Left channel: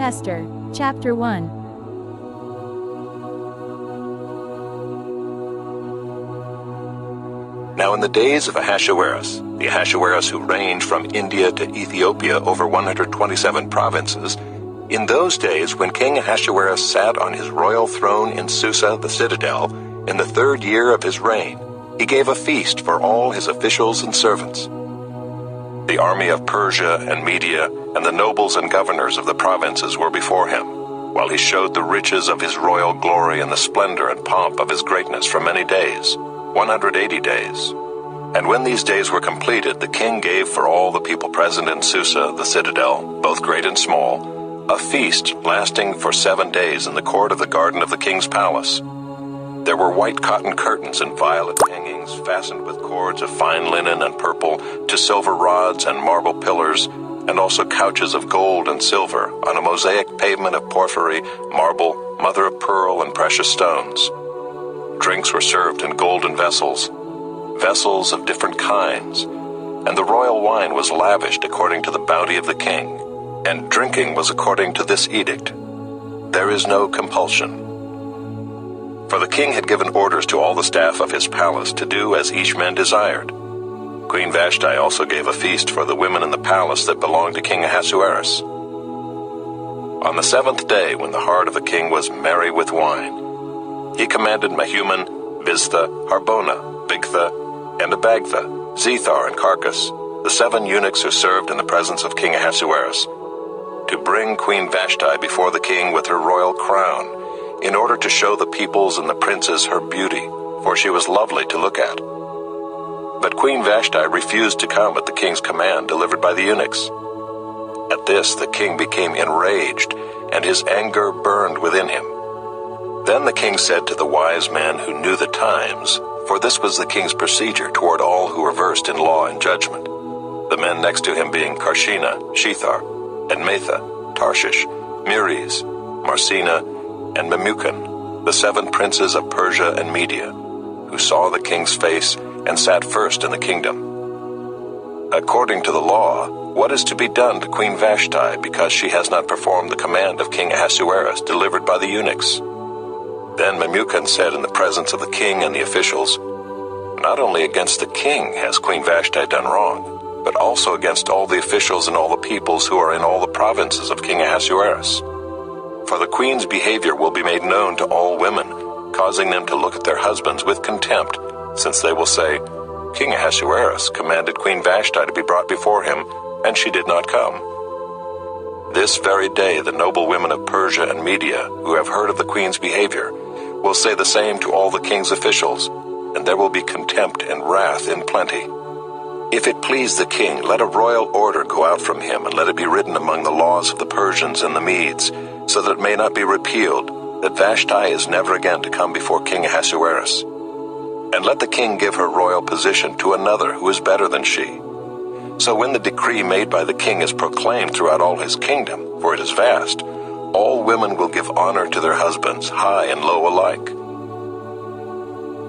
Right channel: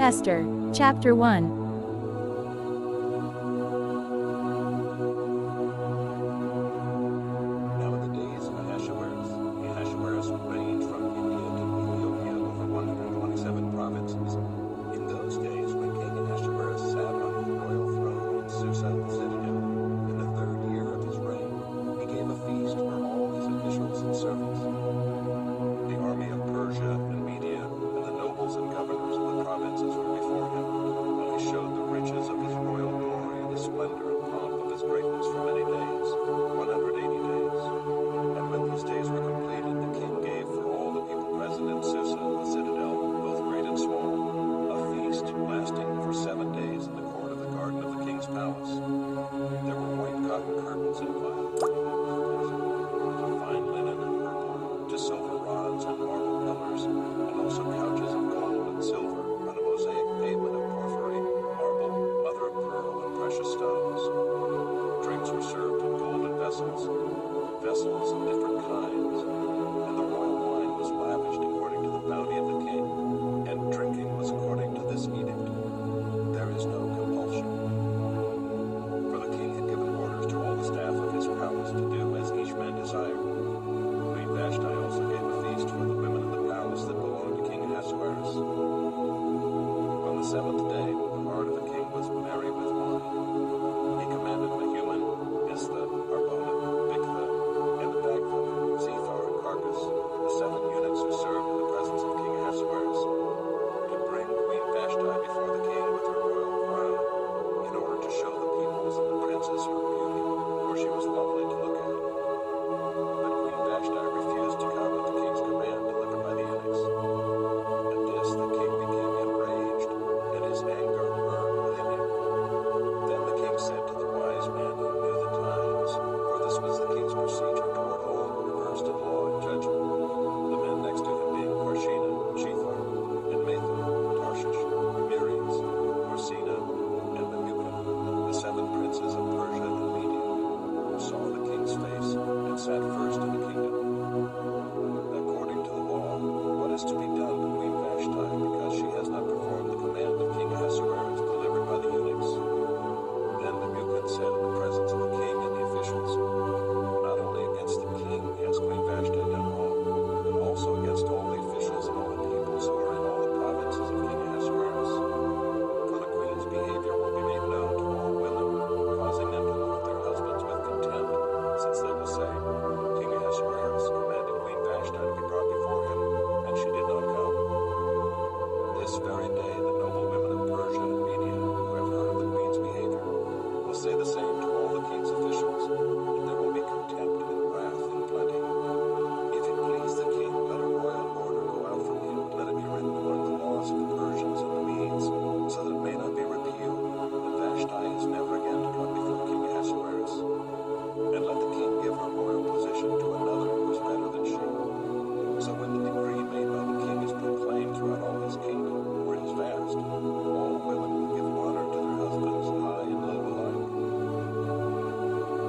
Esther, Chapter 1. Now in the days of Ahasuerus, the Ahasuerus who reigned from India to Ethiopia over 127 provinces, in those days when King Ahasuerus sat on his royal throne in Susa the citadel, in the 3rd year of his reign, he gave a feast for all his officials and servants. The army of Persia and Media and the nobles and governors of the provinces were before him, while he showed the riches of his royal glory and the splendor and pomp of his greatness for many days, 180 days. And when these days were completed, the king gave for all the people present in Susa, the citadel, both great and small, a feast lasting for 7 days in the court of the garden of the king's palace. There were white cotton curtains and violet hangings fastened with cords of fine linen and purple to silver rods and marble pillars, and also couches of gold and silver on a mosaic pavement of porphyry, marble, mother of pearl, and precious stones. Drinks were served in golden vessels, vessels of different kinds, and the royal wine was lavished according to the bounty of the king, and drinking was according to this edict: there is no compulsion. For the king had given orders to all the staff of his palace to do as each man desired. Queen Vashti also gave a feast for the women in the palace that belonged to King Ahasuerus. On the 7th day, when the heart of the king was merry with wine, he commanded Mehuman, Biztha, Harbona, Bigtha, and Abagtha, Zethar, and Carcass, the 7 eunuchs who served in the presence of King Ahasuerus, to bring Queen Vashti before the king with her royal crown, in order to show the peoples and the princes her beauty, for she was lovely to look at. But Queen Vashti refused to come at the king's command delivered by the eunuchs. At this the king became enraged, and his anger burned within him. Then the king said to the wise men who knew the times, for this was the king's procedure toward all who were versed in law and judgment, the men next to him being Karshena, Shethar, and Metha, Tarshish, Meres, Marsena, and Memucan, the 7 princes of Persia and Media, who saw the king's face and sat first in the kingdom. According to the law, what is to be done to Queen Vashti because she has not performed the command of King Ahasuerus delivered by the eunuchs? Then Memucan said in the presence of the king and the officials, not only against the king has Queen Vashti done wrong, but also against all the officials and all the peoples who are in all the provinces of King Ahasuerus. For the queen's behavior will be made known to all women, causing them to look at their husbands with contempt, since they will say, King Ahasuerus commanded Queen Vashti to be brought before him, and she did not come. This very day the noble women of Persia and Media, who have heard of the queen's behavior, will say the same to all the king's officials, and there will be contempt and wrath in plenty. If it please the king, let a royal order go out from him, and let it be written among the laws of the Persians and the Medes, so that it may not be repealed, that Vashti is never again to come before King Ahasuerus. And let the king give her royal position to another who is better than she. So when the decree made by the king is proclaimed throughout all his kingdom, for it is vast, all women will give honor to their husbands, high and low alike.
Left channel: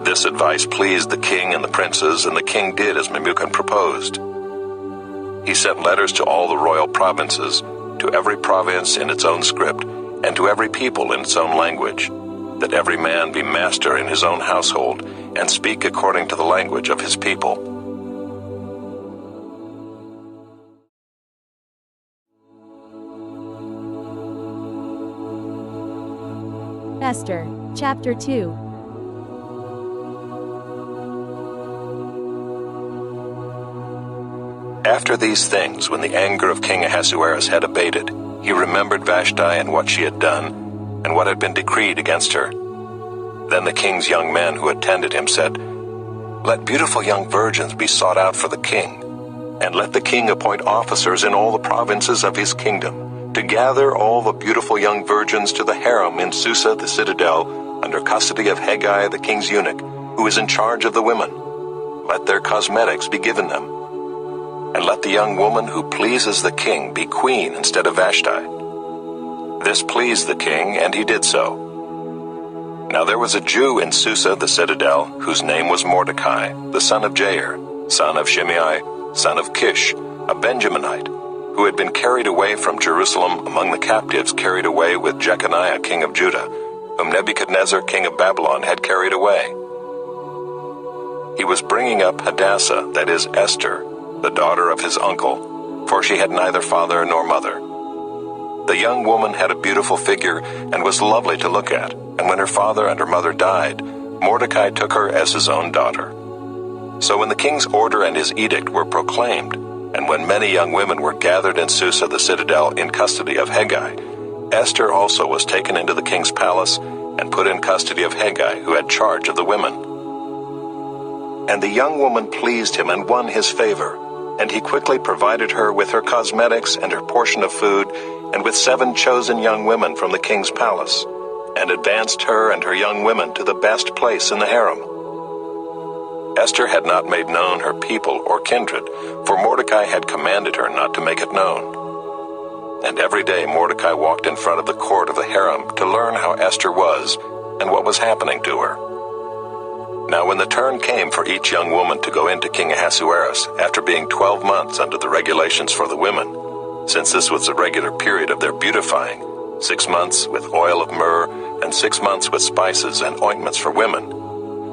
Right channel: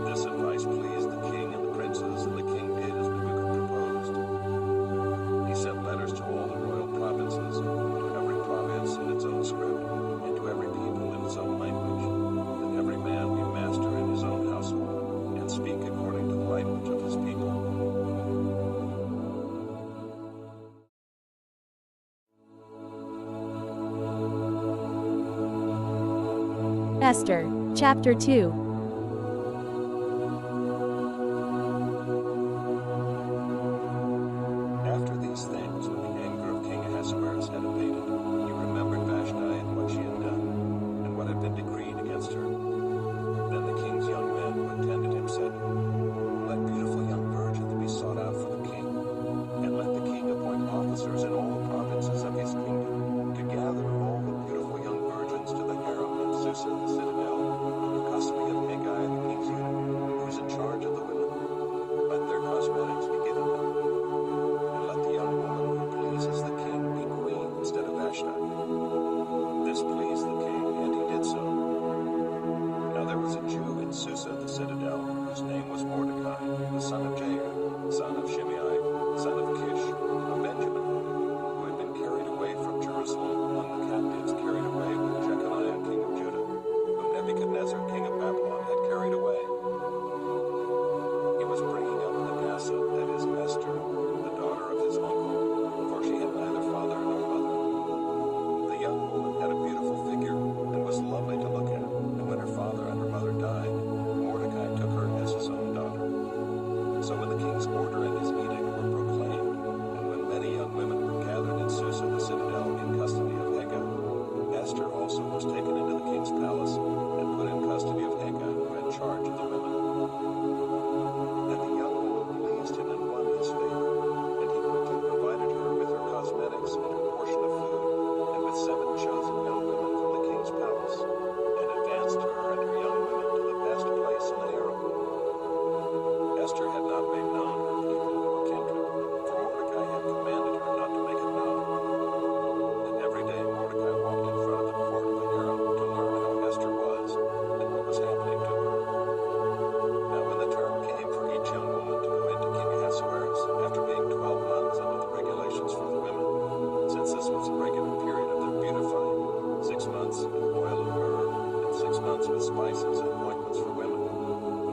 This advice pleased the king and the princes, and the king did as Memucan proposed. He sent letters to all the royal provinces, to every province in its own script, and to every people in its own language, that every man be master in his own household, and speak according to the language of his people. Esther, Chapter 2. After these things, when the anger of King Ahasuerus had abated, he remembered Vashti and what she had done, and what had been decreed against her. Then the king's young men who attended him said, Let beautiful young virgins be sought out for the king, and let the king appoint officers in all the provinces of his kingdom, to gather all the beautiful young virgins to the harem in Susa the citadel, under custody of Haggai the king's eunuch, who is in charge of the women. Let their cosmetics be given them. And let the young woman who pleases the king be queen instead of Vashti. This pleased the king, and he did so. Now there was a Jew in Susa the citadel, whose name was Mordecai, the son of Jair, son of Shimei, son of Kish, a Benjaminite, who had been carried away from Jerusalem among the captives carried away with Jeconiah king of Judah, whom Nebuchadnezzar king of Babylon had carried away. He was bringing up Hadassah, that is Esther, the daughter of his uncle, for she had neither father nor mother. The young woman had a beautiful figure and was lovely to look at, and when her father and her mother died, Mordecai took her as his own daughter. So when the king's order and his edict were proclaimed, and when many young women were gathered in Susa the citadel in custody of Hegai, Esther also was taken into the king's palace and put in custody of Hegai, who had charge of the women. And the young woman pleased him and won his favor, and he quickly provided her with her cosmetics and her portion of food, and with 7 chosen young women from the king's palace, and advanced her and her young women to the best place in the harem. Esther had not made known her people or kindred, for Mordecai had commanded her not to make it known. And every day Mordecai walked in front of the court of the harem to learn how Esther was and what was happening to her. Now when the turn came for each young woman to go into King Ahasuerus, after being 12 months under the regulations for the women, since this was the regular period of their beautifying, 6 months with oil of myrrh, and 6 months with spices and ointments for women,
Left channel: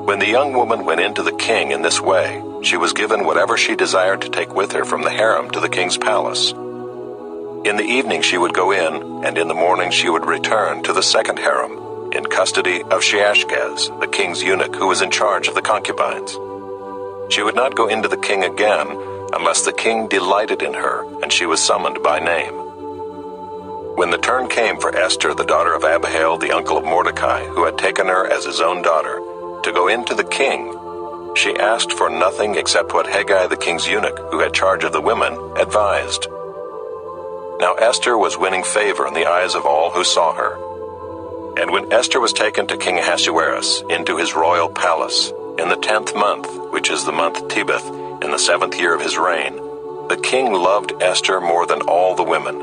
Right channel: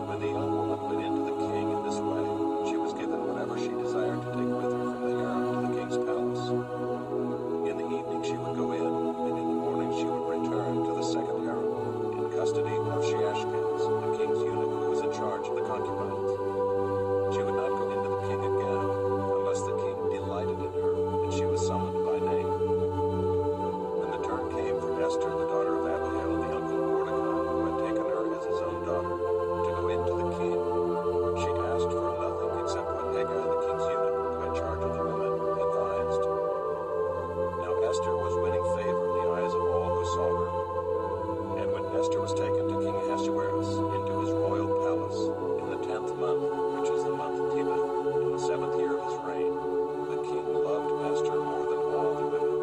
when the young woman went into the king in this way, she was given whatever she desired to take with her from the harem to the king's palace. In the evening she would go in, and in the morning she would return to the second harem, in custody of Sheashgaz, the king's eunuch who was in charge of the concubines. She would not go into the king again unless the king delighted in her, and she was summoned by name. When the turn came for Esther, the daughter of Abihail, the uncle of Mordecai, who had taken her as his own daughter, to go into the king, she asked for nothing except what Hegai the king's eunuch, who had charge of the women, advised. Now Esther was winning favor in the eyes of all who saw her. And when Esther was taken to King Ahasuerus into his royal palace, in the 10th month, which is the month Tebeth, in the 7th year of his reign, the king loved Esther more than all the women,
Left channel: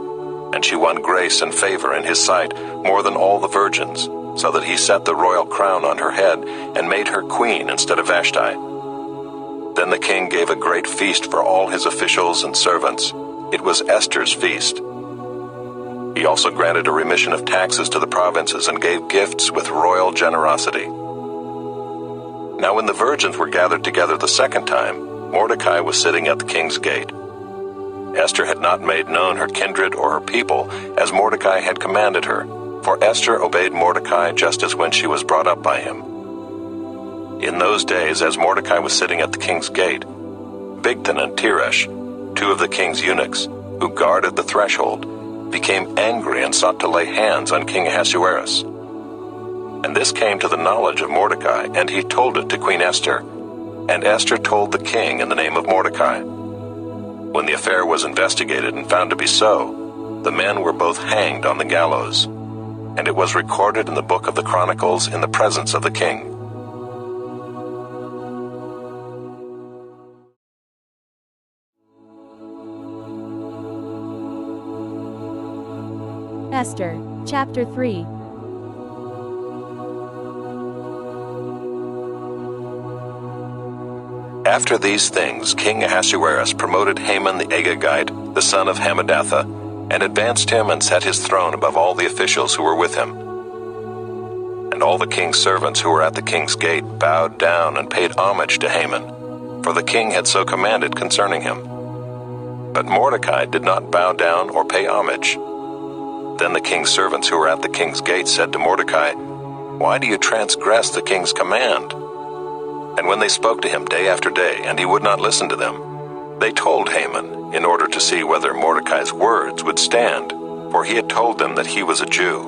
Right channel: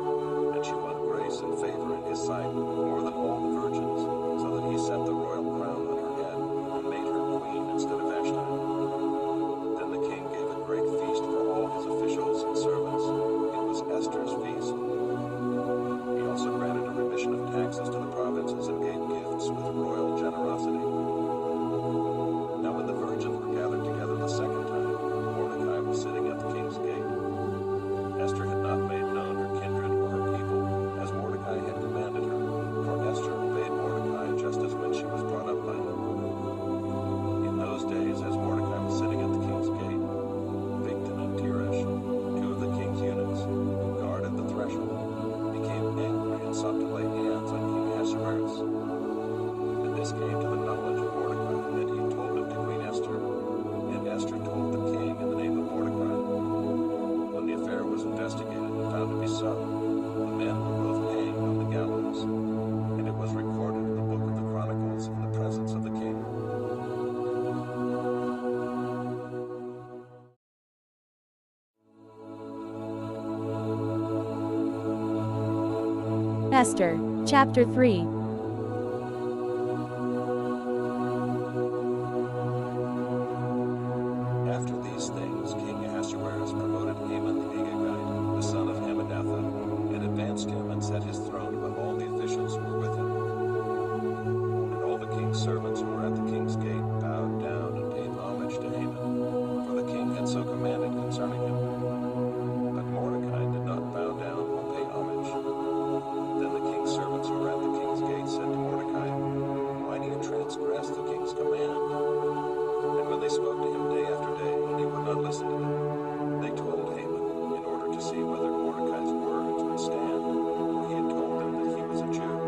and she won grace and favor in his sight more than all the virgins, so that he set the royal crown on her head and made her queen instead of Vashti. Then the king gave a great feast for all his officials and servants. It was Esther's feast. He also granted a remission of taxes to the provinces and gave gifts with royal generosity. Now when the virgins were gathered together the second time, Mordecai was sitting at the king's gate. Esther had not made known her kindred or her people, as Mordecai had commanded her, for Esther obeyed Mordecai just as when she was brought up by him. In those days, as Mordecai was sitting at the king's gate, Bigthan and Teresh, 2 of the king's eunuchs, who guarded the threshold, became angry and sought to lay hands on King Ahasuerus. And this came to the knowledge of Mordecai, and he told it to Queen Esther, and Esther told the king in the name of Mordecai. When the affair was investigated and found to be so, the men were both hanged on the gallows, and it was recorded in the book of the Chronicles in the presence of the king. Esther, Chapter 3. After these things, King Ahasuerus promoted Haman the Agagite, the son of Hammedatha, and advanced him and set his throne above all the officials who were with him. And all the king's servants who were at the king's gate bowed down and paid homage to Haman, for the king had so commanded concerning him. But Mordecai did not bow down or pay homage. Then the king's servants who were at the king's gate said to Mordecai, "Why do you transgress the king's command?" And when they spoke to him day after day, and he would not listen to them, they told Haman, in order to see whether Mordecai's words would stand, for he had told them that he was a Jew.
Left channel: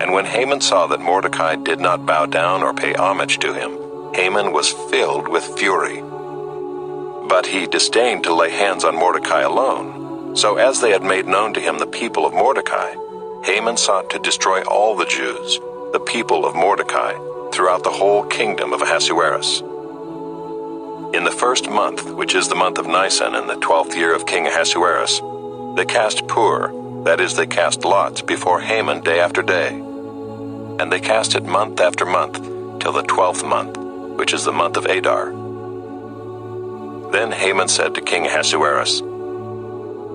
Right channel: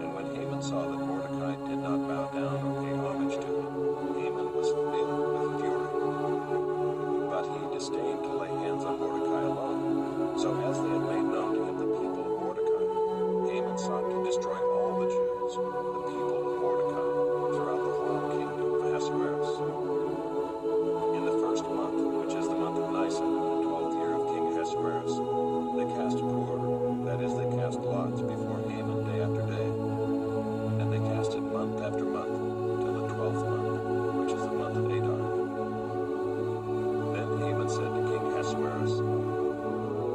And when Haman saw that Mordecai did not bow down or pay homage to him, Haman was filled with fury. But he disdained to lay hands on Mordecai alone. So as they had made known to him the people of Mordecai, Haman sought to destroy all the Jews, the people of Mordecai, throughout the whole kingdom of Ahasuerus. In the 1st month, which is the month of Nisan, in the 12th year of King Ahasuerus, they cast pur, that is, they cast lots, before Haman day after day. And they cast it month after month, till the 12th month, which is the month of Adar. Then Haman said to King Ahasuerus,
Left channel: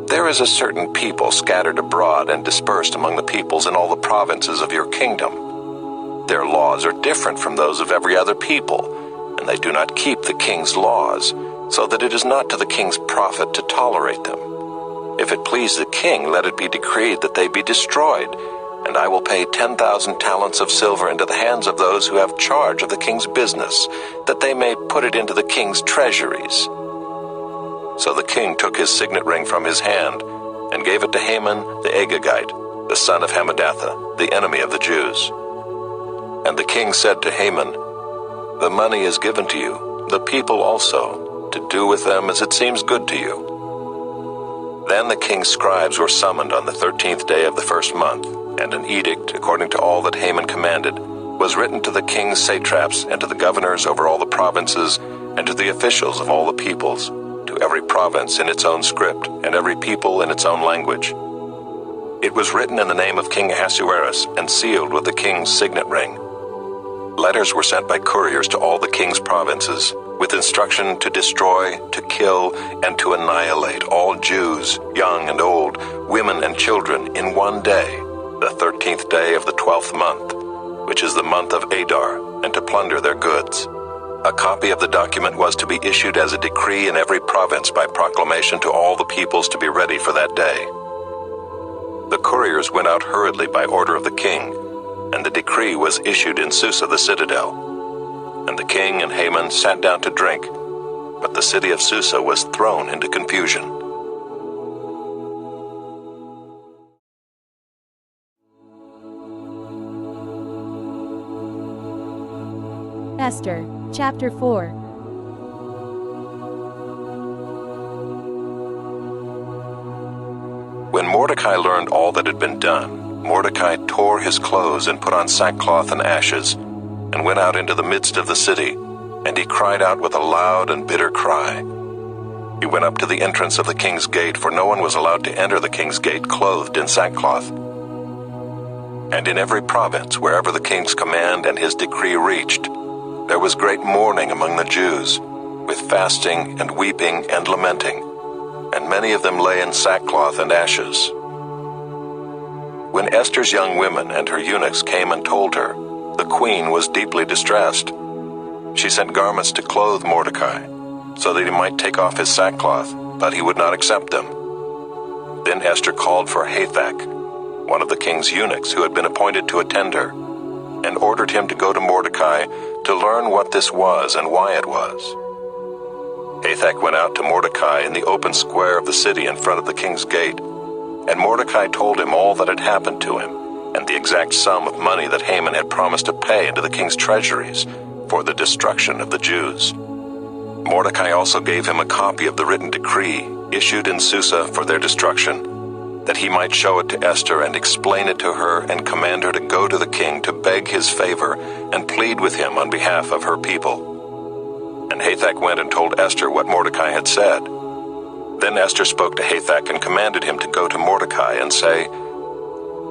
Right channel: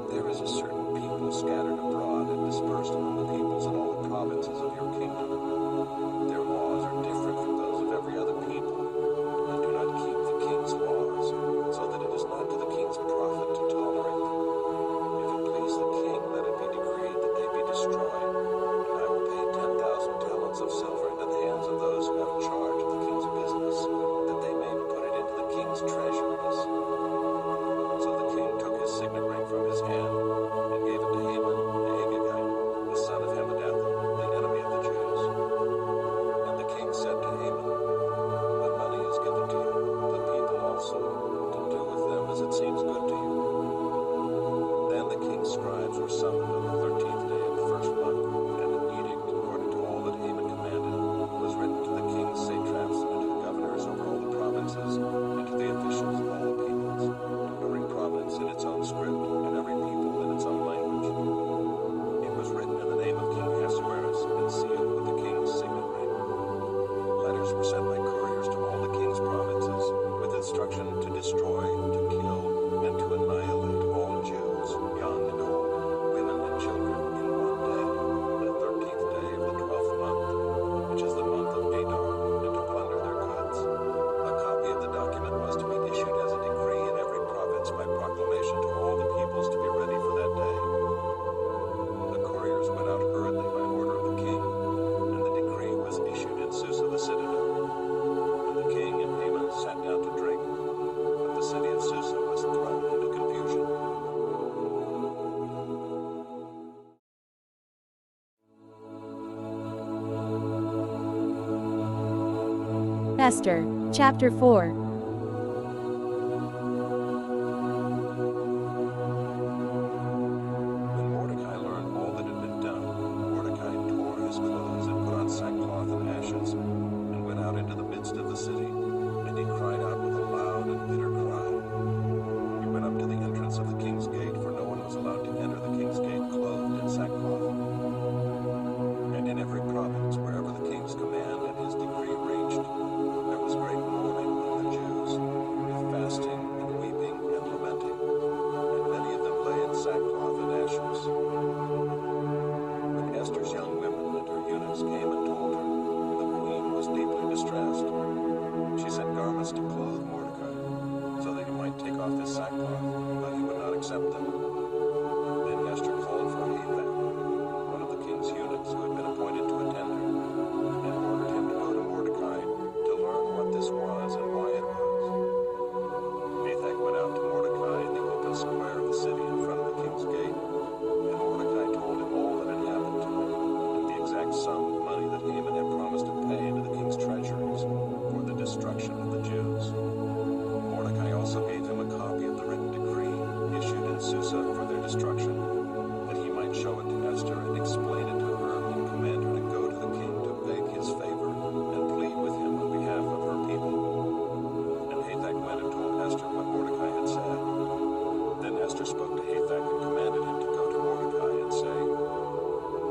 There is a certain people scattered abroad and dispersed among the peoples in all the provinces of your kingdom. Their laws are different from those of every other people, and they do not keep the king's laws, so that it is not to the king's profit to tolerate them. If it please the king, let it be decreed that they be destroyed, and I will pay 10,000 talents of silver into the hands of those who have charge of the king's business, that they may put it into the king's treasuries." So the king took his signet ring from his hand and gave it to Haman the Agagite, the son of Hammedatha, the enemy of the Jews. And the king said to Haman, "The money is given to you, the people also, to do with them as it seems good to you." Then the king's scribes were summoned on the 13th day of the first month, and an edict, according to all that Haman commanded, was written to the king's satraps and to the governors over all the provinces and to the officials of all the peoples, to every province in its own script and every people in its own language. It was written in the name of King Ahasuerus and sealed with the king's signet ring. Letters were sent by couriers to all the king's provinces, with instruction to destroy, to kill, and to annihilate all Jews, young and old, women and children, in one day, the 13th day of the 12th month, which is the month of Adar, and to plunder their goods. A copy of the document was to be issued as a decree in every province by proclamation to all the peoples to be ready for that day. The couriers went out hurriedly by order of the king, and the decree was issued in Susa the citadel. And the king and Haman sat down to drink, but the city of Susa was thrown into confusion. Esther, Chapter 4. When Mordecai learned all that had been done, Mordecai tore his clothes and put on sackcloth and ashes, and went out into the midst of the city, and he cried out with a loud and bitter cry. He went up to the entrance of the king's gate, for no one was allowed to enter the king's gate clothed in sackcloth. And in every province, wherever the king's command and his decree reached, there was great mourning among the Jews, with fasting and weeping and lamenting, and many of them lay in sackcloth and ashes. When Esther's young women and her eunuchs came and told her, the queen was deeply distressed. She sent garments to clothe Mordecai, so that he might take off his sackcloth, but he would not accept them. Then Esther called for Hathach, one of the king's eunuchs who had been appointed to attend her, and ordered him to go to Mordecai to learn what this was and why it was. Hathach went out to Mordecai in the open square of the city in front of the king's gate, and Mordecai told him all that had happened to him, and the exact sum of money that Haman had promised to pay into the king's treasuries for the destruction of the Jews. Mordecai also gave him a copy of the written decree issued in Susa for their destruction, that he might show it to Esther and explain it to her and command her to go to the king to beg his favor and plead with him on behalf of her people. And Hathach went and told Esther what Mordecai had said. Then Esther spoke to Hathach and commanded him to go to Mordecai and say,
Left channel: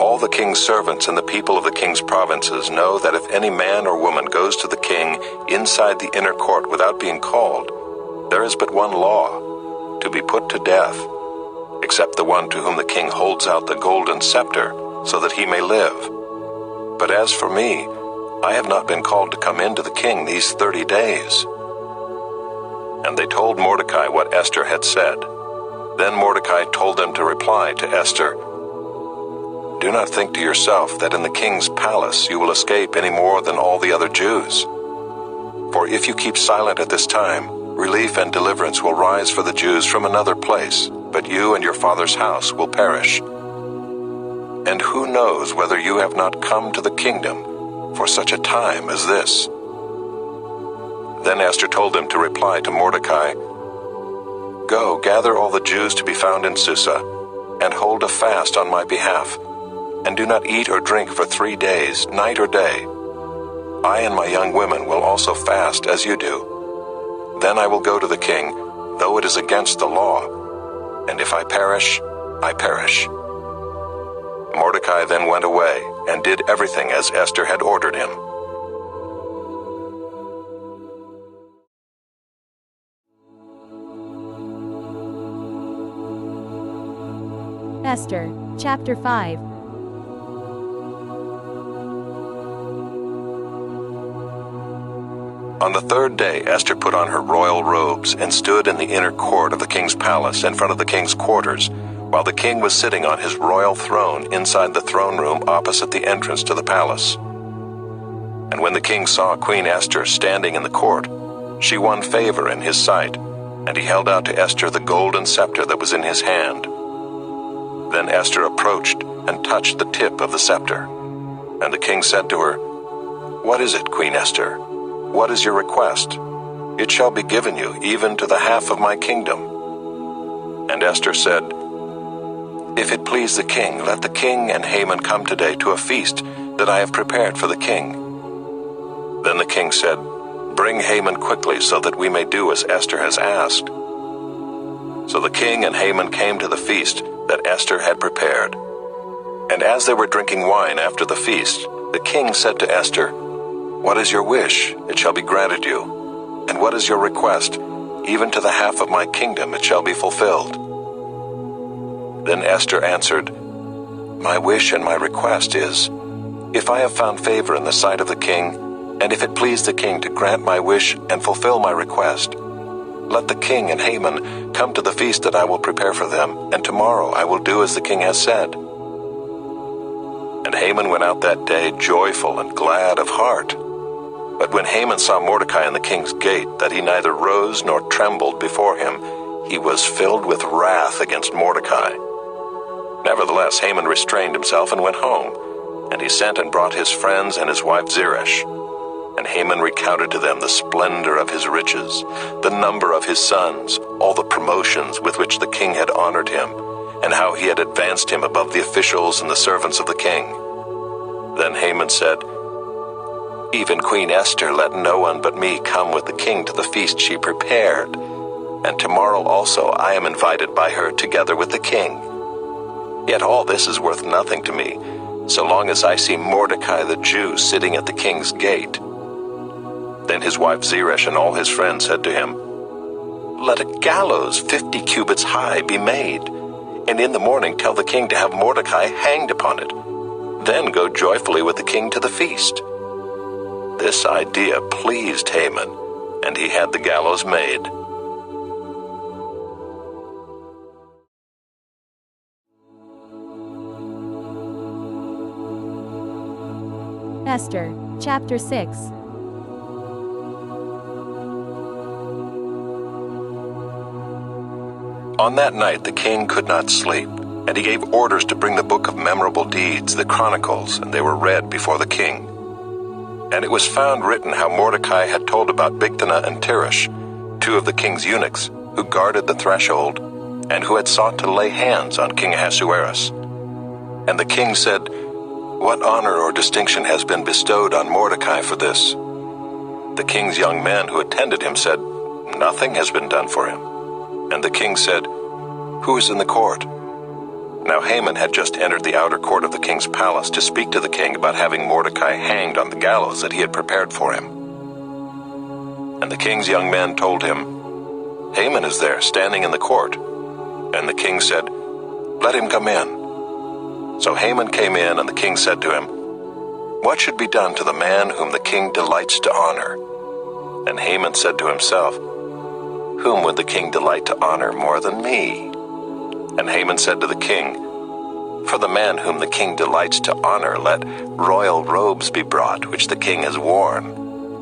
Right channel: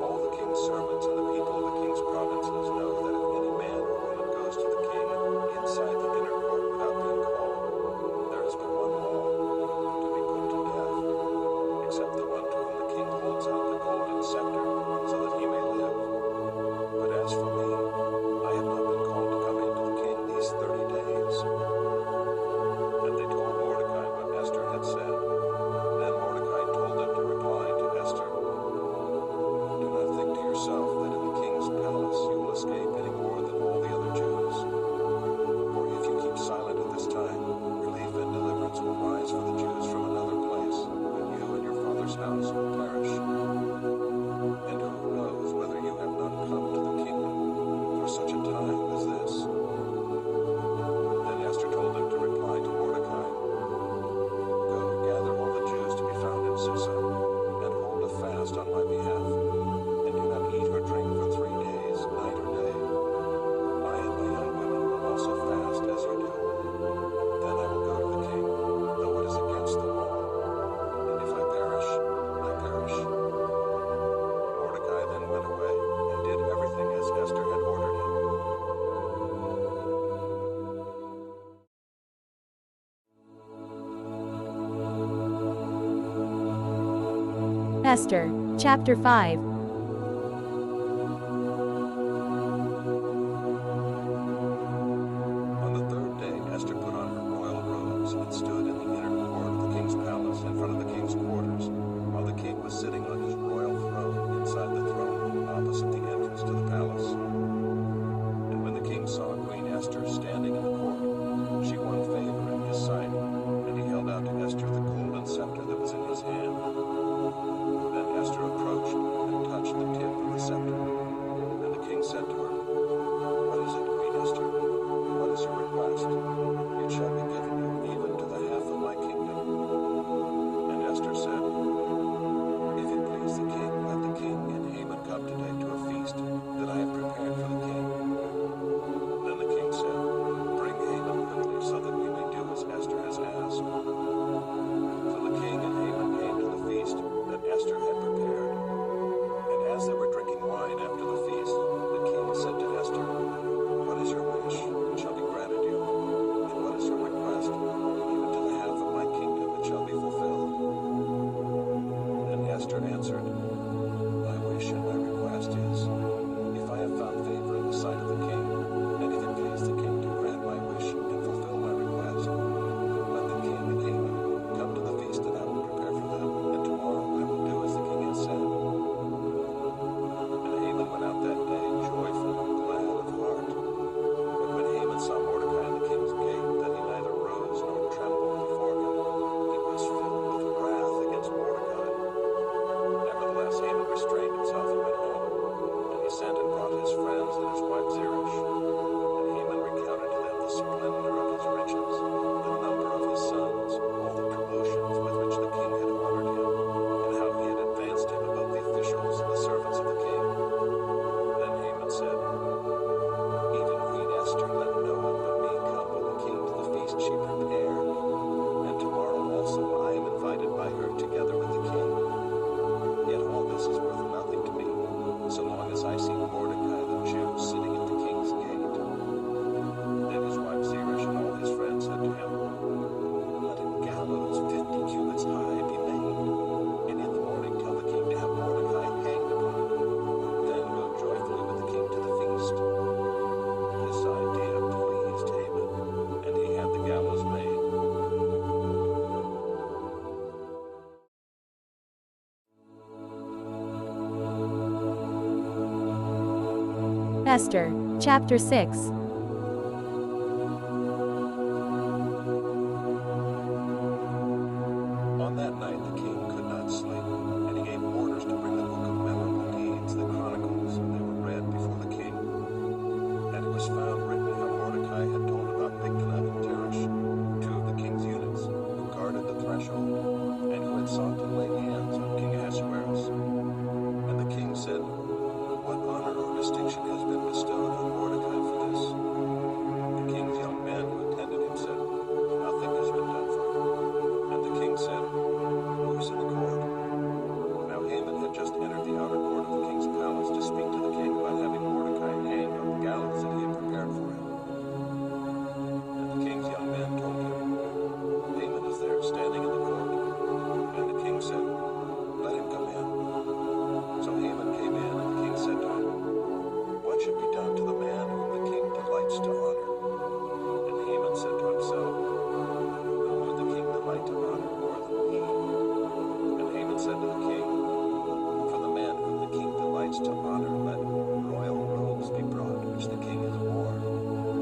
"All the king's servants and the people of the king's provinces know that if any man or woman goes to the king inside the inner court without being called, there is but one law, to be put to death, except the one to whom the king holds out the golden scepter, so that he may live. But as for me, I have not been called to come in to the king these 30 days." And they told Mordecai what Esther had said. Then Mordecai told them to reply to Esther, "Do not think to yourself that in the king's palace you will escape any more than all the other Jews. For if you keep silent at this time, relief and deliverance will rise for the Jews from another place, but you and your father's house will perish. And who knows whether you have not come to the kingdom for such a time as this?" Then Esther told them to reply to Mordecai, "Go, gather all the Jews to be found in Susa, and hold a fast on my behalf, and do not eat or drink for 3 days, night or day. I and my young women will also fast as you do. Then I will go to the king, though it is against the law, and if I perish, I perish." Mordecai then went away and did everything as Esther had ordered him. Esther, Chapter 5. On the third day, Esther put on her royal robes and stood in the inner court of the king's palace in front of the king's quarters, while the king was sitting on his royal throne inside the throne room opposite the entrance to the palace. And when the king saw Queen Esther standing in the court, she won favor in his sight, and he held out to Esther the golden scepter that was in his hand. Then Esther approached and touched the tip of the scepter. And the king said to her, "What is it, Queen Esther? What is your request? It shall be given you, even to the half of my kingdom." And Esther said, "If it please the king, let the king and Haman come today to a feast that I have prepared for the king." Then the king said, "Bring Haman quickly so that we may do as Esther has asked." So the king and Haman came to the feast that Esther had prepared. And as they were drinking wine after the feast, the king said to Esther, "What is your wish? It shall be granted you. And what is your request? Even to the half of my kingdom it shall be fulfilled." Then Esther answered, "My wish and my request is, if I have found favor in the sight of the king, and if it please the king to grant my wish and fulfill my request, let the king and Haman come to the feast that I will prepare for them, and tomorrow I will do as the king has said." And Haman went out that day joyful and glad of heart. But when Haman saw Mordecai in the king's gate, that he neither rose nor trembled before him, he was filled with wrath against Mordecai. Nevertheless, Haman restrained himself and went home, and he sent and brought his friends and his wife Zeresh. And Haman recounted to them the splendor of his riches, the number of his sons, all the promotions with which the king had honored him, and how he had advanced him above the officials and the servants of the king. Then Haman said, "Even Queen Esther let no one but me come with the king to the feast she prepared, and tomorrow also I am invited by her together with the king. Yet all this is worth nothing to me, so long as I see Mordecai the Jew sitting at the king's gate." Then his wife Zeresh and all his friends said to him, "Let a gallows 50 cubits high be made, and in the morning tell the king to have Mordecai hanged upon it. Then go joyfully with the king to the feast." This idea pleased Haman, and he had the gallows made. Esther, Chapter 6. On that night the king could not sleep, and he gave orders to bring the book of memorable deeds, the Chronicles, and they were read before the king. And it was found written how Mordecai had told about Bigthana and Teresh, two of the king's eunuchs, who guarded the threshold, and who had sought to lay hands on King Ahasuerus. And the king said, "What honor or distinction has been bestowed on Mordecai for this?" The king's young men who attended him said, "Nothing has been done for him." And the king said, "Who is in the court?" Now Haman had just entered the outer court of the king's palace to speak to the king about having Mordecai hanged on the gallows that he had prepared for him. And the king's young men told him, "Haman is there, standing in the court." And the king said, "Let him come in." So Haman came in, and the king said to him, "What should be done to the man whom the king delights to honor?" And Haman said to himself, "Whom would the king delight to honor more than me?" And Haman said to the king, "For the man whom the king delights to honor, let royal robes be brought, which the king has worn,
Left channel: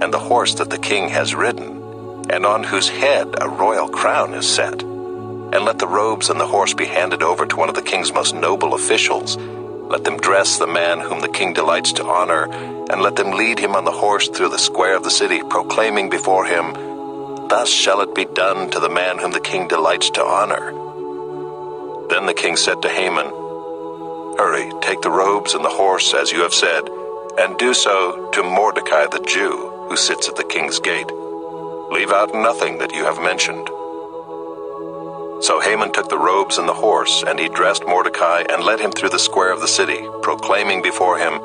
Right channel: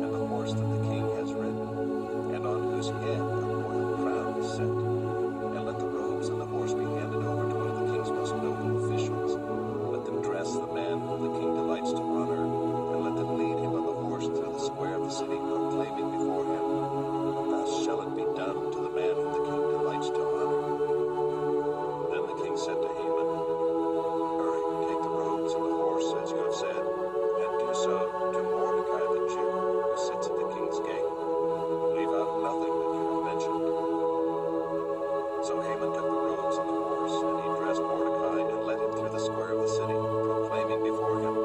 and the horse that the king has ridden, and on whose head a royal crown is set. And let the robes and the horse be handed over to one of the king's most noble officials. Let them dress the man whom the king delights to honor, and let them lead him on the horse through the square of the city, proclaiming before him, 'Thus shall it be done to the man whom the king delights to honor.'" Then the king said to Haman, "Hurry, take the robes and the horse, as you have said, and do so to Mordecai the Jew, who sits at the king's gate. Leave out nothing that you have mentioned." So Haman took the robes and the horse, and he dressed Mordecai and led him through the square of the city, proclaiming before him,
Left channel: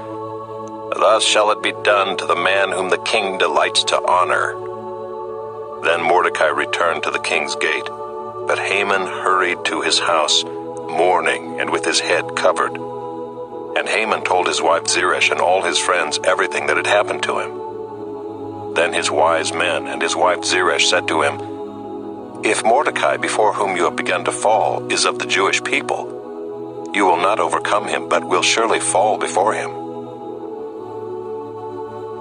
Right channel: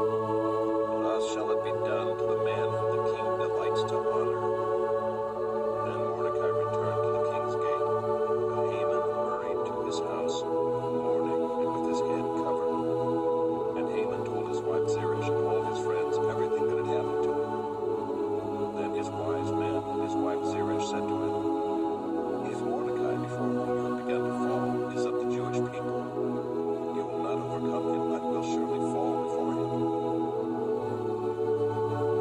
"Thus shall it be done to the man whom the king delights to honor." Then Mordecai returned to the king's gate, but Haman hurried to his house, mourning and with his head covered. And Haman told his wife Zeresh and all his friends everything that had happened to him. Then his wise men and his wife Zeresh said to him, "If Mordecai, before whom you have begun to fall, is of the Jewish people, you will not overcome him, but will surely fall before him."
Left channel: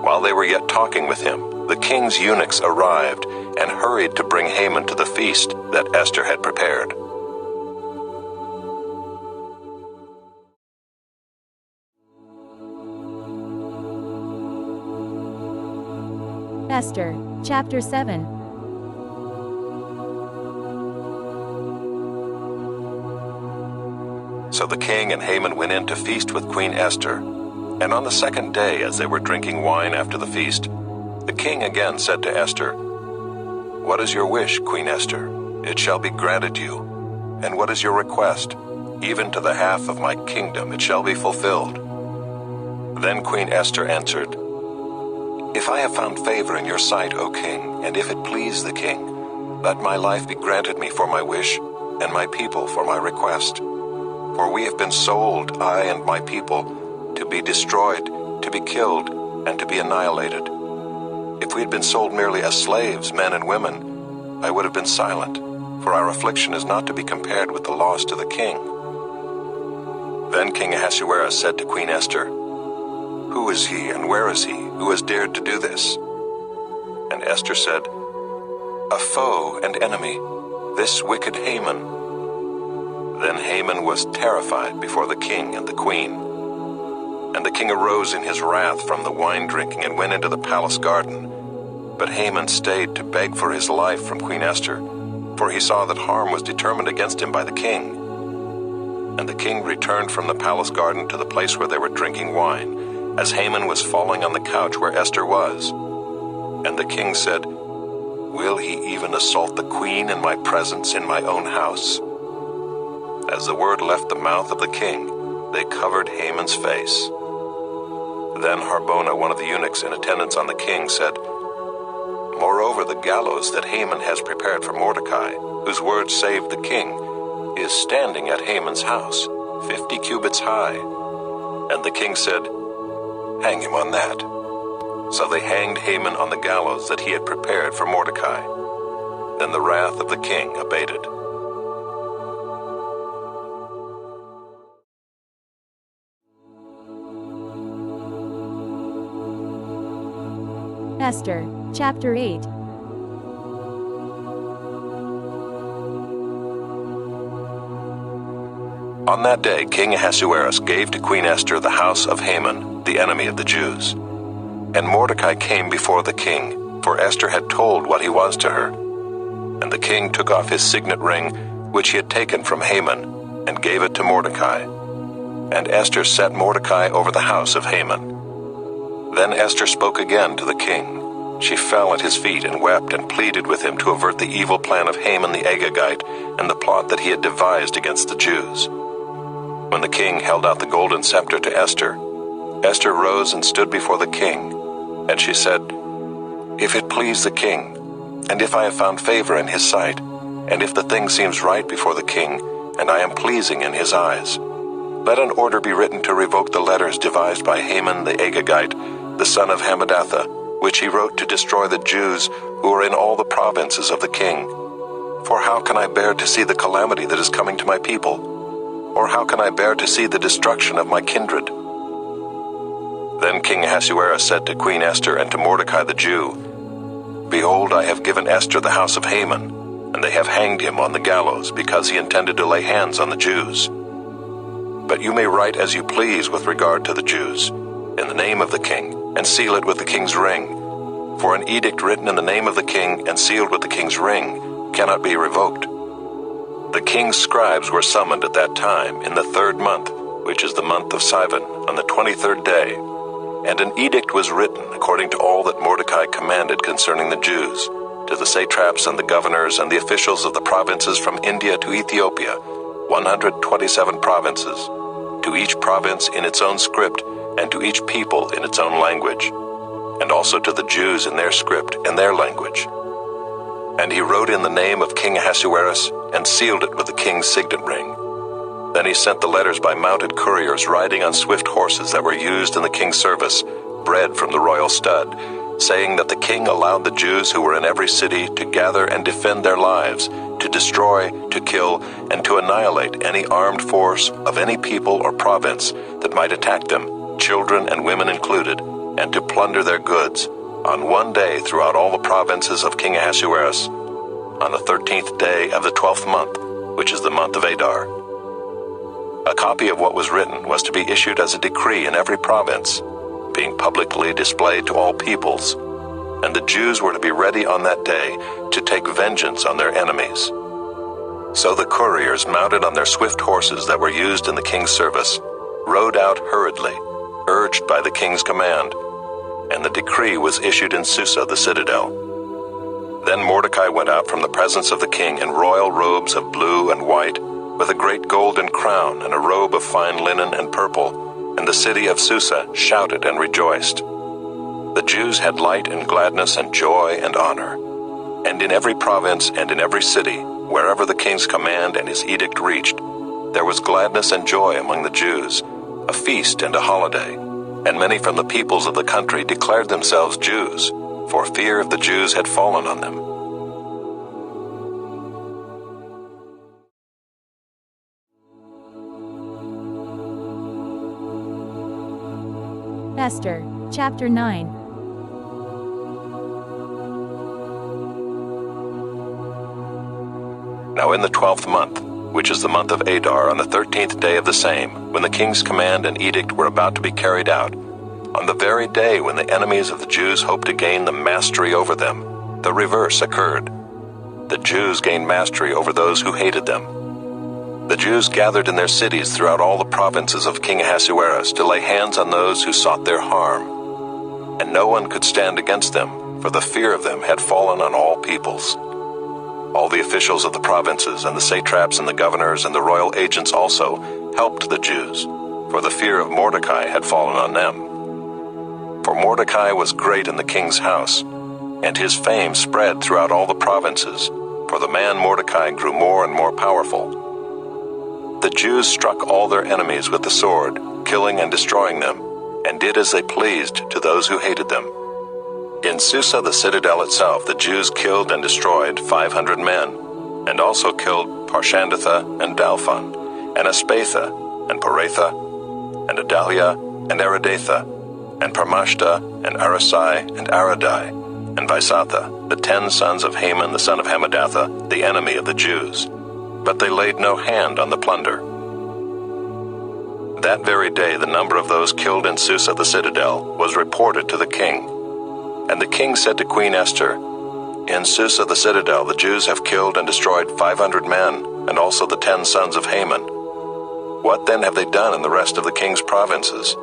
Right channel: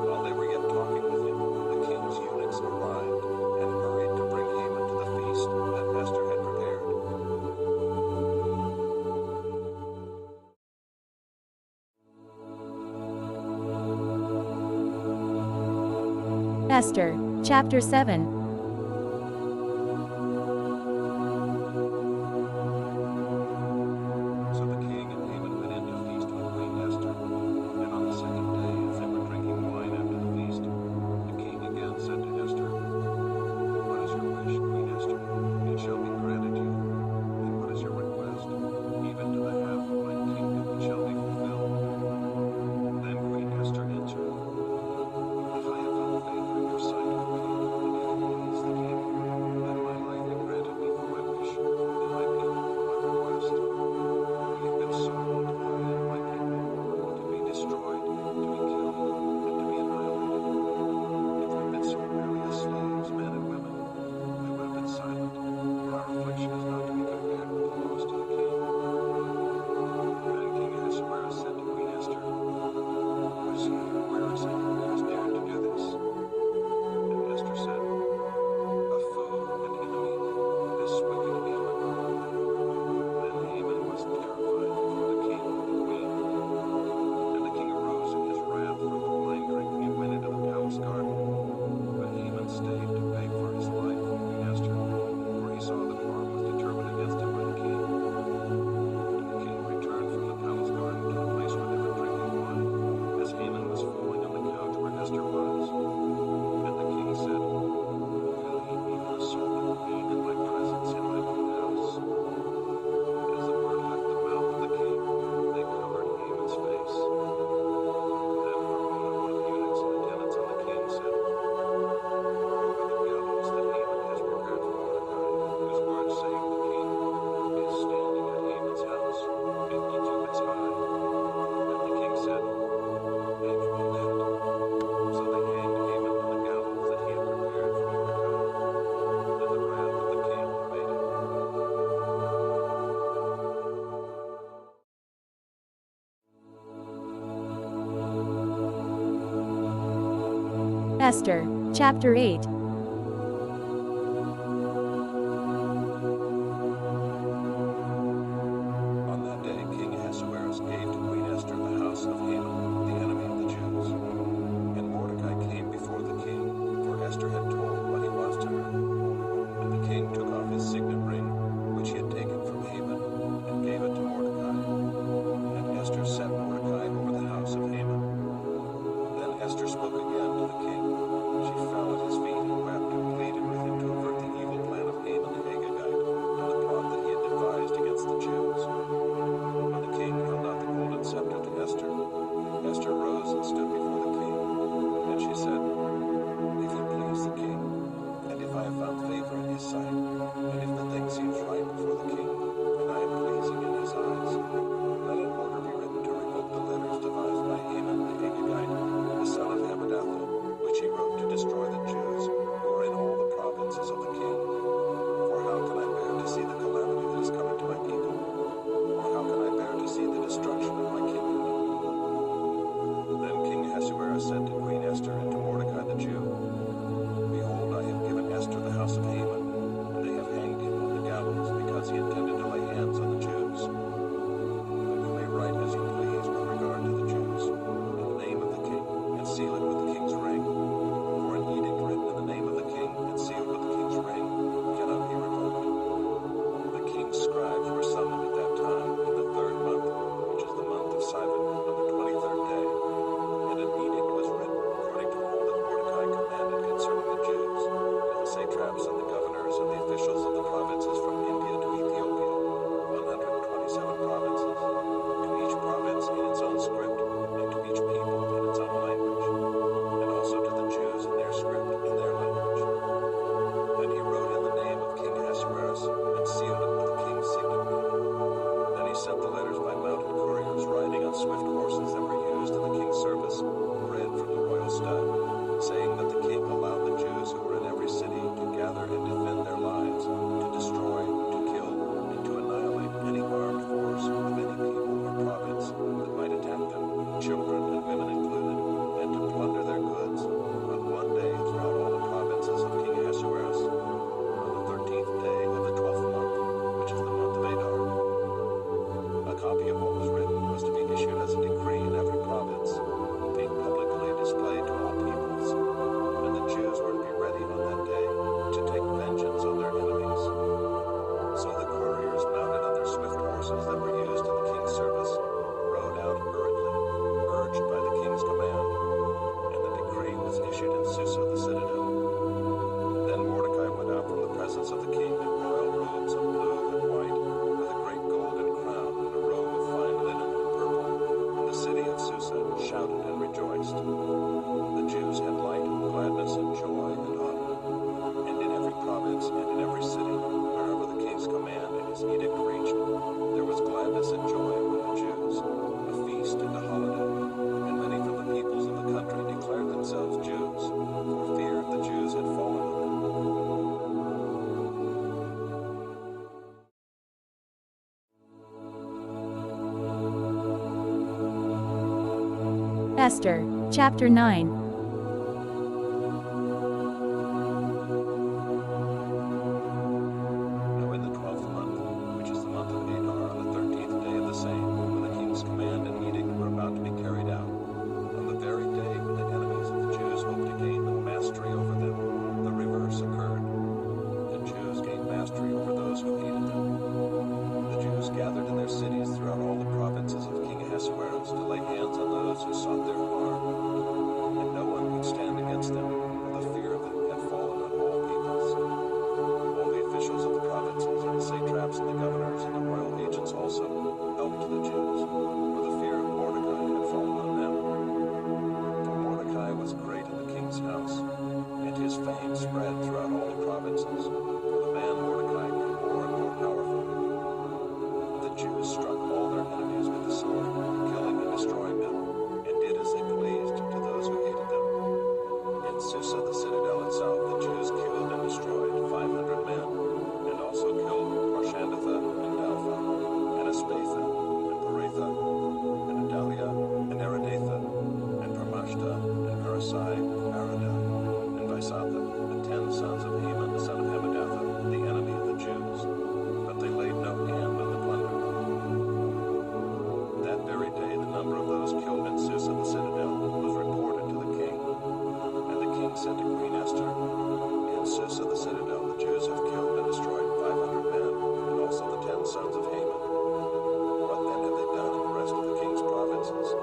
While they were yet talking with him, the king's eunuchs arrived and hurried to bring Haman to the feast that Esther had prepared. Esther, Chapter 7. So the king and Haman went in to feast with Queen Esther. And on the second day, as they were drinking wine after the feast, the king again said to Esther, "What is your wish, Queen Esther? It shall be granted you. And what is your request? Even to the half of my kingdom it shall be fulfilled." Then Queen Esther answered, "If I have found favor in your sight, O king, and if it please the king, let my life be granted me for my wish, and my people for my request. For we have been sold, I and my people, to be destroyed, to be killed, and to be annihilated. If we had been sold merely as slaves, men and women, I would have been silent, for our affliction is not to be compared with the loss to the king." Then King Ahasuerus said to Queen Esther, "Who is he and where is he who has dared to do this?" And Esther said, "A foe and enemy, this wicked Haman." Then Haman was terrified before the king and the queen. And the king arose in his wrath from the wine drinking and went into the palace garden. But Haman stayed to beg for his life from Queen Esther, for he saw that harm was determined against him by the king. And the king returned from the palace garden to the place where they were drinking wine, as Haman was falling on the couch where Esther was. And the king said, "Will he even assault the queen in my presence in my own house?" As the word left the mouth of the king, they covered Haman's face. Then Harbona, one of the eunuchs in attendance on the king, said, "Moreover, the gallows that Haman has prepared for Mordecai, whose word saved the king, is standing at Haman's house, 50 cubits high." And the king said, "Hang him on that." So they hanged Haman on the gallows that he had prepared for Mordecai. Then the wrath of the king abated. Esther, Chapter 8. On that day, King Ahasuerus gave to Queen Esther the house of Haman, the enemy of the Jews. And Mordecai came before the king, for Esther had told what he was to her. And the king took off his signet ring, which he had taken from Haman, and gave it to Mordecai. And Esther set Mordecai over the house of Haman. Then Esther spoke again to the king. She fell at his feet and wept and pleaded with him to avert the evil plan of Haman the Agagite and the plot that he had devised against the Jews. When the king held out the golden scepter to Esther, Esther rose and stood before the king. And she said, "If it please the king, and if I have found favor in his sight, and if the thing seems right before the king, and I am pleasing in his eyes, let an order be written to revoke the letters devised by Haman the Agagite, the son of Hammedatha, which he wrote to destroy the Jews who are in all the provinces of the king. For how can I bear to see the calamity that is coming to my people? Or how can I bear to see the destruction of my kindred?" Then King Ahasuerus said to Queen Esther and to Mordecai the Jew, "Behold, I have given Esther the house of Haman, and they have hanged him on the gallows because he intended to lay hands on the Jews. But you may write as you please with regard to the Jews, in the name of the king, and seal it with the king's ring. For an edict written in the name of the king and sealed with the king's ring cannot be revoked." The king's scribes were summoned at that time in the 3rd month, which is the month of Sivan, on the 23rd day. And an edict was written according to all that Mordecai commanded concerning the Jews, to the satraps and the governors and the officials of the provinces from India to Ethiopia, 127 provinces, to each province in its own script, and to each people in its own language, and also to the Jews in their script and their language. And he wrote in the name of King Ahasuerus, and sealed it with the king's signet ring. Then he sent the letters by mounted couriers riding on swift horses that were used in the king's service, bred from the royal stud, saying that the king allowed the Jews who were in every city to gather and defend their lives, to destroy, to kill, and to annihilate any armed force of any people or province that might attack them, children and women included, and to plunder their goods, on one day throughout all the provinces of King Ahasuerus, on the 13th day of the 12th month, which is the month of Adar. A copy of what was written was to be issued as a decree in every province, being publicly displayed to all peoples, and the Jews were to be ready on that day to take vengeance on their enemies. So the couriers, mounted on their swift horses that were used in the king's service, rode out hurriedly, urged by the king's command, and the decree was issued in Susa the citadel. Then Mordecai went out from the presence of the king in royal robes of blue and white, with a great golden crown and a robe of fine linen and purple, and the city of Susa shouted and rejoiced. The Jews had light and gladness and joy and honor. And in every province and in every city, wherever the king's command and his edict reached, there was gladness and joy among the Jews, a feast and a holiday. And many from the peoples of the country declared themselves Jews, for fear of the Jews had fallen on them. Esther, Chapter 9. Now in the 12th month, which is the month of Adar, on the 13th day of the same, when the king's command and edict were about to be carried out, on the very day when the enemies of the Jews hoped to gain the mastery over them, the reverse occurred. The Jews gained mastery over those who hated them. The Jews gathered in their cities throughout all the provinces of King Ahasuerus to lay hands on those who sought their harm. And no one could stand against them, for the fear of them had fallen on all peoples. All the officials of the provinces and the satraps and the governors and the royal agents also helped the Jews, for the fear of Mordecai had fallen on them. For Mordecai was great in the king's house, and his fame spread throughout all the provinces, for the man Mordecai grew more and more powerful. The Jews struck all their enemies with the sword, killing and destroying them, and did as they pleased to those who hated them. In Susa the citadel itself the Jews killed and destroyed 500 men, and also killed Parshandatha and Dalphon, and Aspatha, and Paratha, and Adalia, and Aridatha, and Parmashta, and Arasai, and Aradai, and Vaisatha, the 10 sons of Haman the son of Hammedatha, the enemy of the Jews. But they laid no hand on the plunder. That very day the number of those killed in Susa the citadel was reported to the king. And the king said to Queen Esther, "In Susa the citadel the Jews have killed and destroyed 500 men, and also the 10 sons of Haman. What then have they done in the rest of the king's provinces?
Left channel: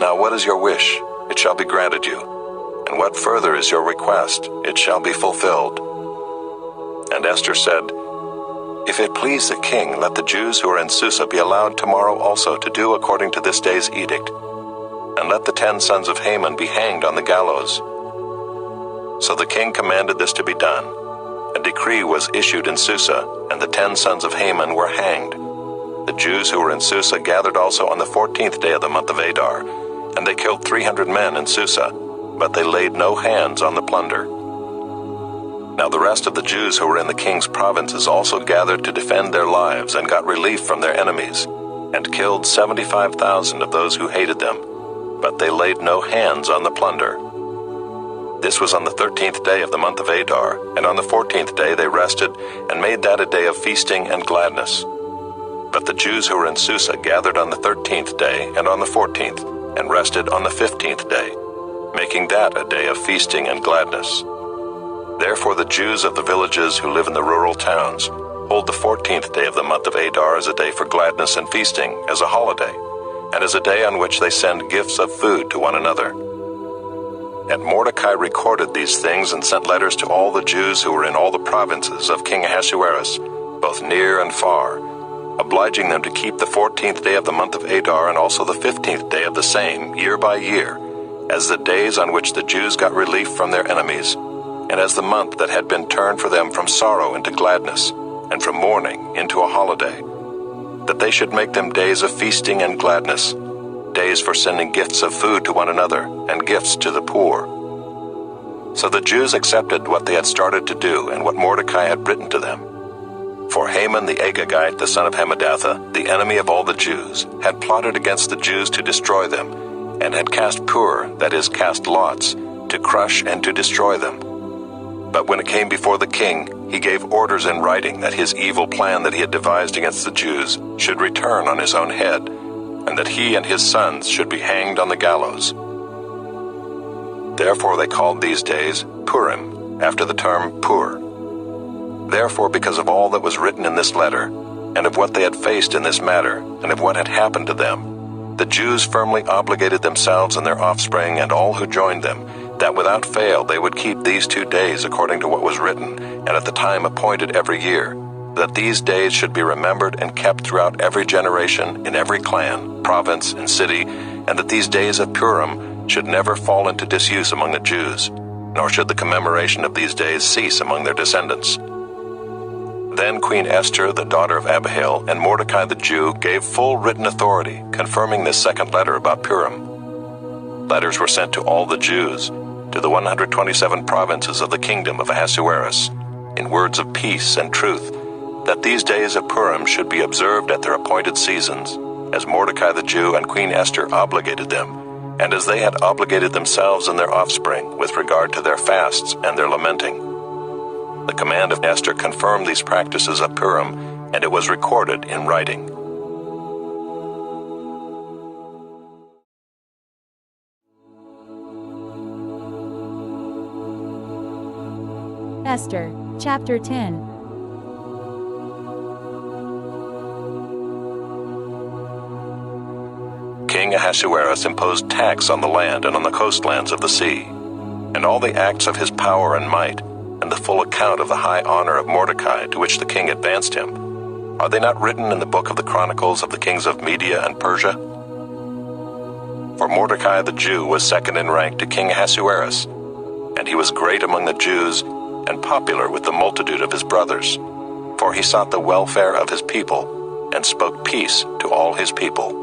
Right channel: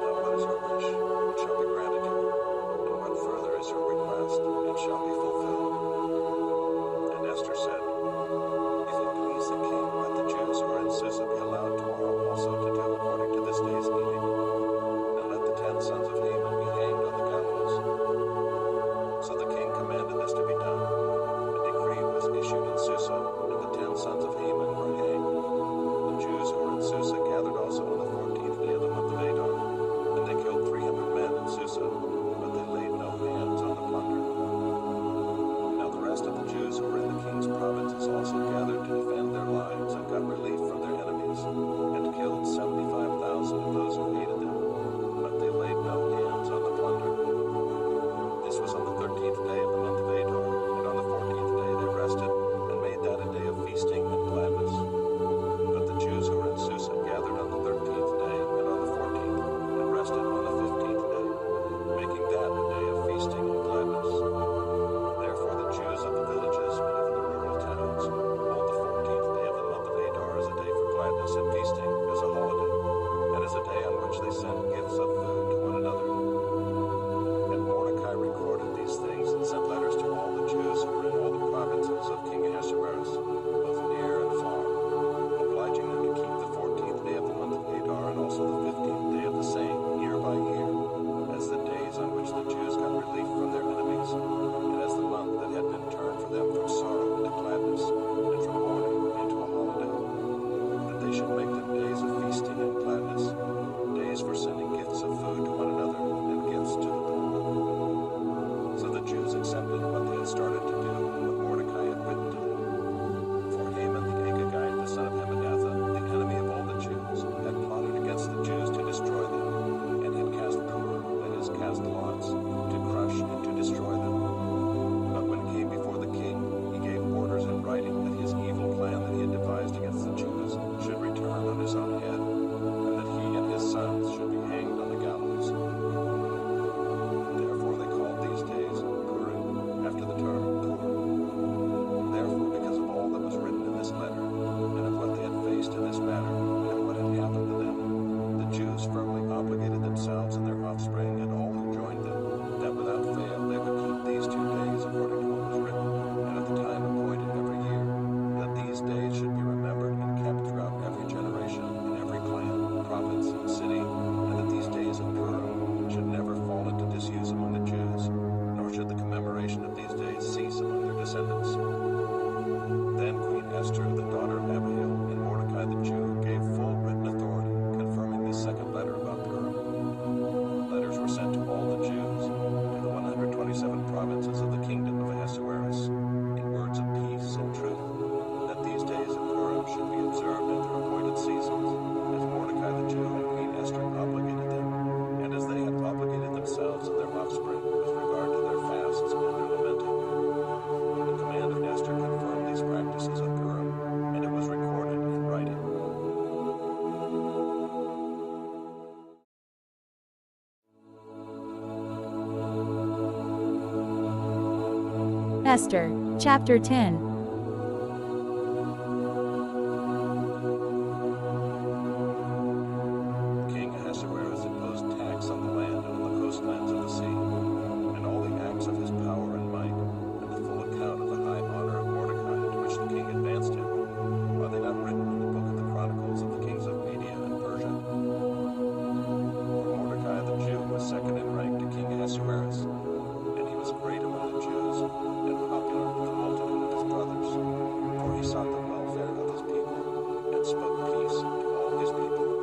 Now what is your wish? It shall be granted you. And what further is your request? It shall be fulfilled." And Esther said, "If it please the king, let the Jews who are in Susa be allowed tomorrow also to do according to this day's edict, and let the 10 sons of Haman be hanged on the gallows." So the king commanded this to be done. A decree was issued in Susa, and the 10 sons of Haman were hanged. The Jews who were in Susa gathered also on the 14th day of the month of Adar, and they killed 300 men in Susa, but they laid no hands on the plunder. Now the rest of the Jews who were in the king's provinces also gathered to defend their lives and got relief from their enemies, and killed 75,000 of those who hated them, but they laid no hands on the plunder. This was on the 13th day of the month of Adar, and on the 14th day they rested and made that a day of feasting and gladness. But the Jews who were in Susa gathered on the 13th day and on the 14th, and rested on the 15th day, making that a day of feasting and gladness. Therefore the Jews of the villages who live in the rural towns hold the 14th day of the month of Adar as a day for gladness and feasting, as a holiday, and as a day on which they send gifts of food to one another. And Mordecai recorded these things and sent letters to all the Jews who were in all the provinces of King Ahasuerus, both near and far, obliging them to keep the 14th day of the month of Adar and also the 15th day of the same, year by year, as the days on which the Jews got relief from their enemies, and as the month that had been turned for them from sorrow into gladness, and from mourning into a holiday. that they should make them days of feasting and gladness, days for sending gifts of food to one another and gifts to the poor. So the Jews accepted what they had started to do and what Mordecai had written to them. For Haman the Agagite, the son of Hammedatha, the enemy of all the Jews, had plotted against the Jews to destroy them, and had cast pur, that is, cast lots, to crush and to destroy them. But when it came before the king, he gave orders in writing that his evil plan that he had devised against the Jews should return on his own head, and that he and his sons should be hanged on the gallows. Therefore they called these days Purim, after the term pur. Therefore, because of all that was written in this letter, and of what they had faced in this matter, and of what had happened to them, the Jews firmly obligated themselves and their offspring and all who joined them, that without fail they would keep these 2 days according to what was written, and at the time appointed every year, that these days should be remembered and kept throughout every generation, in every clan, province, and city, and that these days of Purim should never fall into disuse among the Jews, nor should the commemoration of these days cease among their descendants. Then Queen Esther, the daughter of Abihail, and Mordecai the Jew gave full written authority, confirming this second letter about Purim. Letters were sent to all the Jews, to the 127 provinces of the kingdom of Ahasuerus, in words of peace and truth, that these days of Purim should be observed at their appointed seasons, as Mordecai the Jew and Queen Esther obligated them, and as they had obligated themselves and their offspring with regard to their fasts and their lamenting. The command of Esther confirmed these practices of Purim, and it was recorded in writing. Esther, Chapter 10. King Ahasuerus imposed tax on the land and on the coastlands of the sea, and all the acts of his power and might, and the full account of the high honor of Mordecai to which the king advanced him, are they not written in the book of the Chronicles of the kings of Media and Persia? For Mordecai the Jew was second in rank to King Ahasuerus, and he was great among the Jews and popular with the multitude of his brothers, for he sought the welfare of his people and spoke peace to all his people.